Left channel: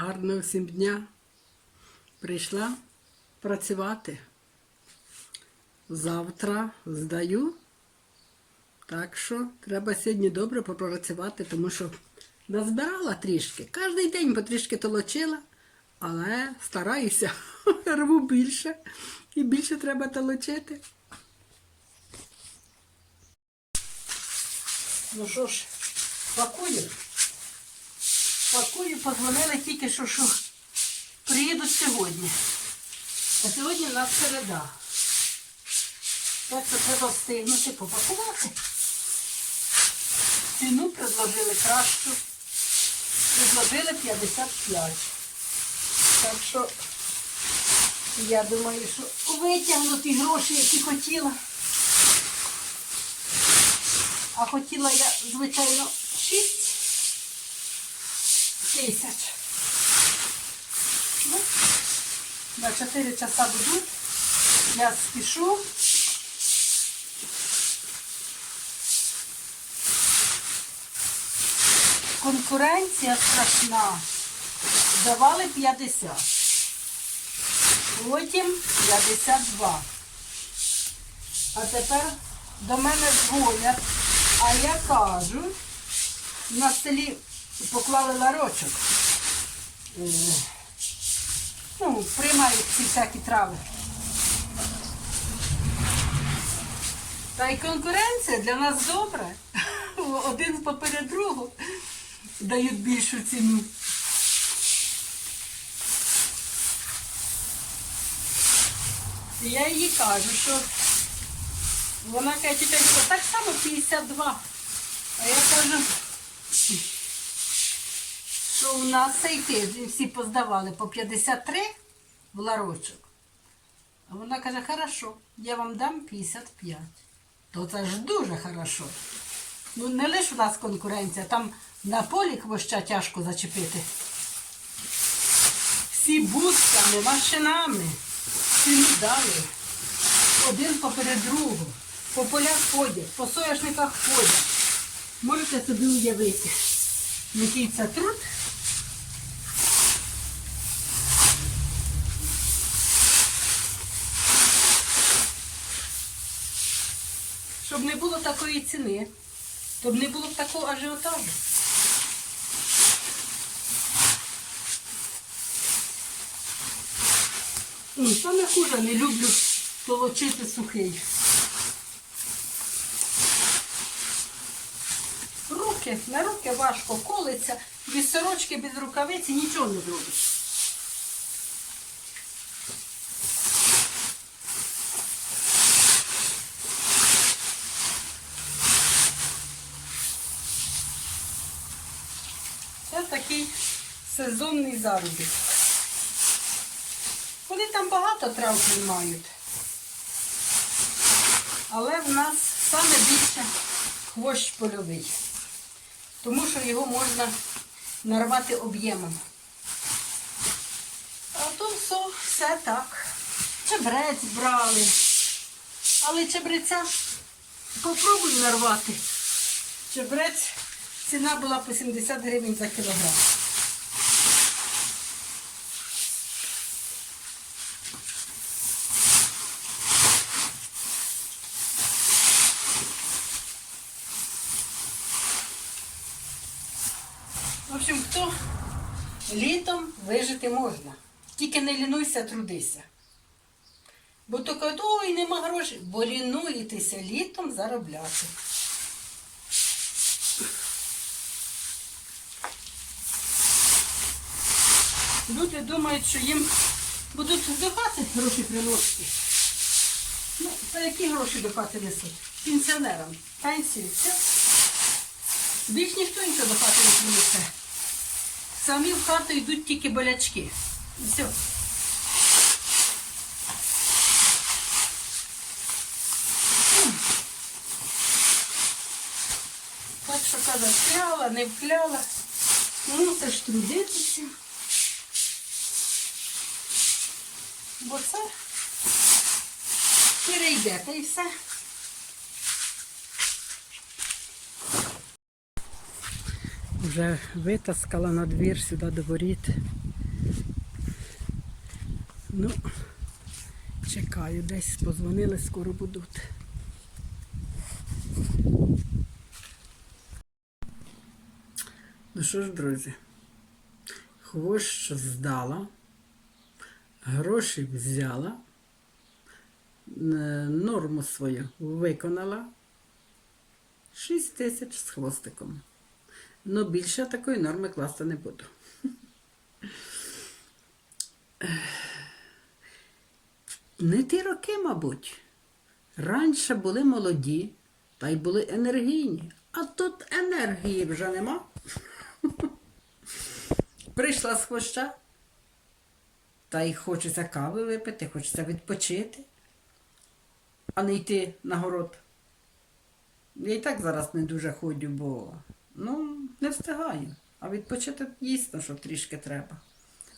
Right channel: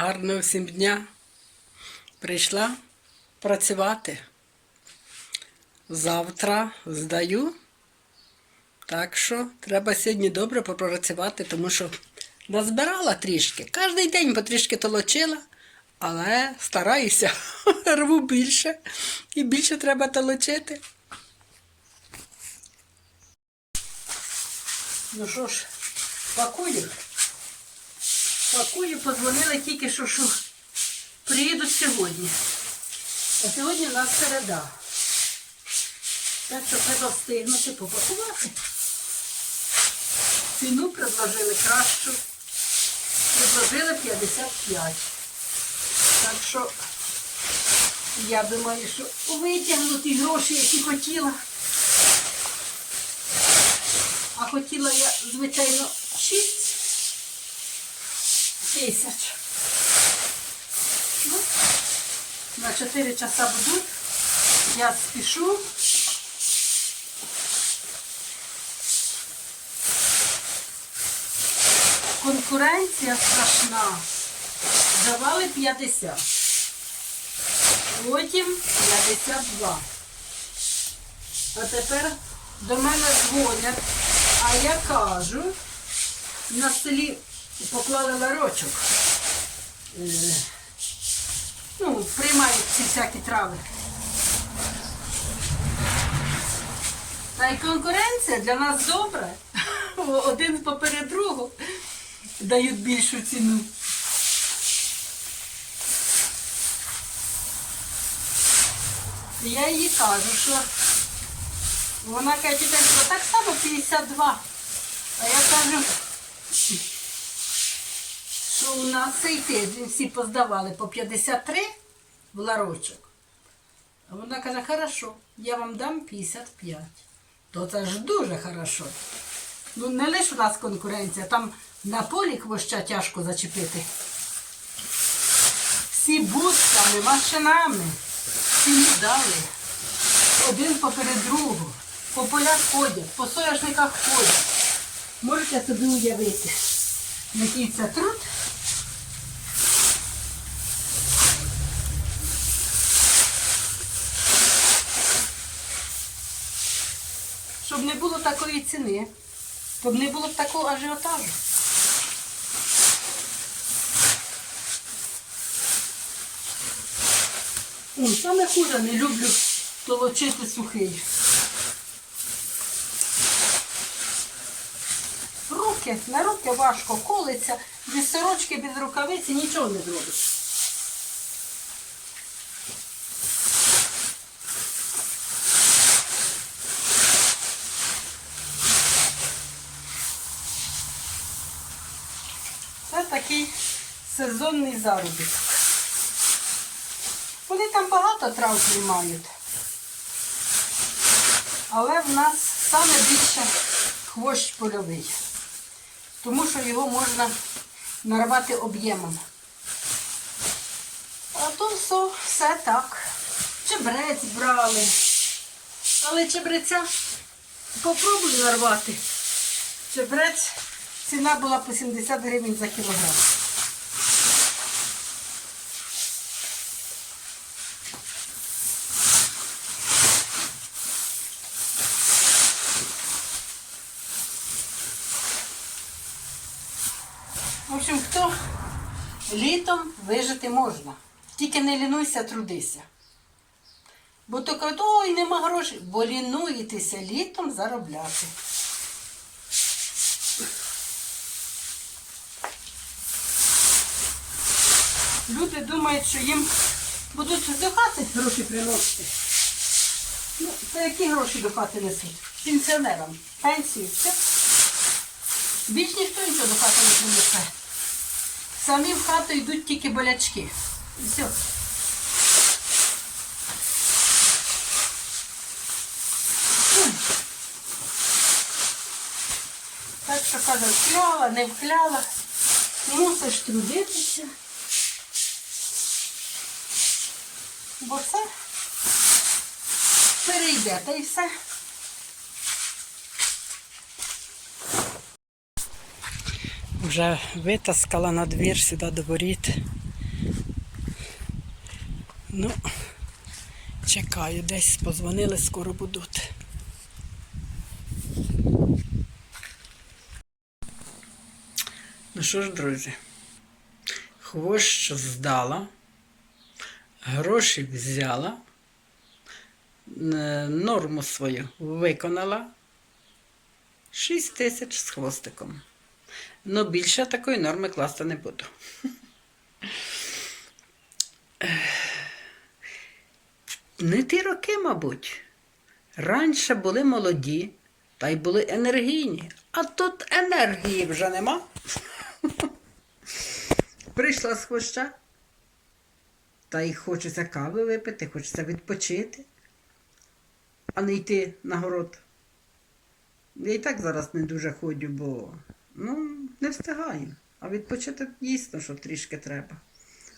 Гарного всім дня. Прийшла працювати. Завтра здаю. Так що треба сьогодні добре попрацювати, тому що назбирала трішки. Кожний день потрішки толочила, але стараюся, рву більше і більше треба толочити. Ну що ж, пакую. Пакую, позвонили тільки що, що приїдуть сьогодні. А сьогодні в нас середа. Так що треба встигнути попакувати. Ціну предложили кращу. Предложили 55. Так що я думаю, що витягну ті гроші, які хотіла. А хотіла я, звичайно, 6 тисяч. Ну, на 4 часа буду. Я спішу. Конкуренція страшна. Давали 50. Потім 52. А тепер до мене дзвонять, а я кажу, на селі поклали ларочок. Е, Ну, приймають ці всякі трави. Та й конкуренція для нас добра. Один поперед другого дають більшу ціну. І я їй кажу, що вона каже, «Тітонько, так само 52. А я кажу, що у нас цей тиждень всі поздавали по 53 в ларочок. А вона каже, хорошо, я вам дам 55. То це ж дуже хорошо. Ну не лише у нас конкуренція, там на полі хвоща тяжко зачепити. Всі бусами, машинами, всі не дали. Один поперед другого. По полях ходять, по соняшниках ходять. Можете собі уявити, який це труд. Щоб не було такої ціни, щоб не було б такого ажіотажу. Саме хуже не люблю толочити сухий. Руки, на руки важко колиться, без сорочки, без рукавиці нічого не зробиш. Такий сезонний заробіток. Вони там багато трав приймають. Але в нас саме більше хвощ польовий. Тому що його можна нарвати об'ємом. А то все, все так. Чебрець брали. Але чебреця попробуй нарвати. Чебрець ціна була по 70 гривень за кілограм. В общем, хто літом вижити можна. Тільки не лінуйся, трудися. Бо то кажуть, ой, нема грошей, бо лінуєтеся літом заробляти. Люди думають, що їм будуть до хати гроші приносити. Ну, то які гроші до хати несуть? Пенсіонерам. Пенсію, все. Більш ніхто нічого до хати не принесе. Самі в хату йдуть тільки болячки. Все. Так що каже, вкляла, не вкляла. Мусиш трудитися. Бо все перейде, та й все. Вже витаскала на двір сюди до воріт. Ну, чекаю, десь позвонили, скоро будуть. Ну що ж, друзі, хвощ здала, гроші взяла, е, норму свою виконала. 6 тисяч з хвостиком. Ну, більше такої норми класти не буду. Не ті роки, мабуть. Раніше були молоді, та й були енергійні, а тут енергії вже нема. Прийшла з хвоща, та й хочеться кави випити, хочеться відпочити, а не йти на город. Я і так зараз не дуже ходжу, бо ну, не встигаю. А відпочити дійсно, що трішки треба.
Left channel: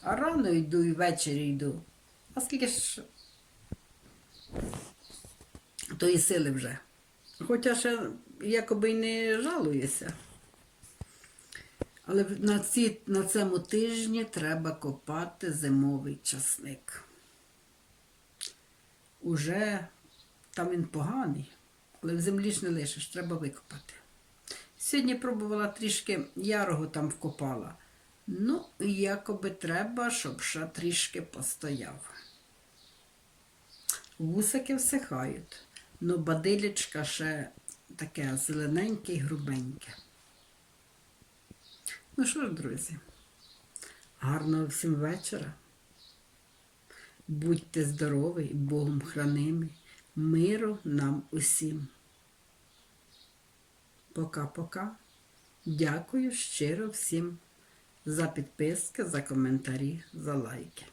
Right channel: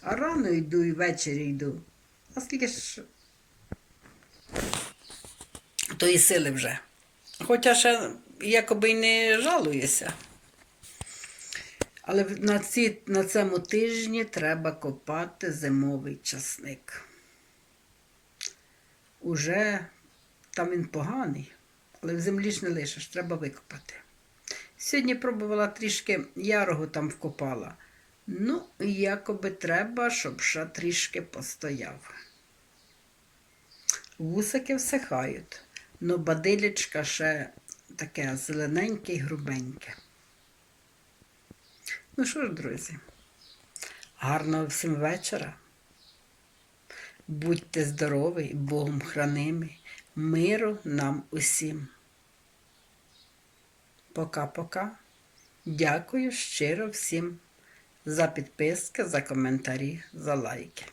А рано йду і ввечері йду. А скільки ж тої сили вже. Хоча ще якоби й не жалуюся. Але на, ці, на цьому тижні треба копати зимовий часник. Уже там він поганий, але в землі ж не лишиш, треба викопати. Сьогодні пробувала трішки ярого там вкопала. Ну, якоби треба, щоб ще трішки постояв. Вусики всихають, но бадилячка ще таке зелененьке й грубеньке. Ну що ж, друзі, гарного всім вечора. Будьте здорові, Богом хранимі, миру нам усім. Пока-пока. Дякую щиро всім за підписки, за коментарі, за лайки.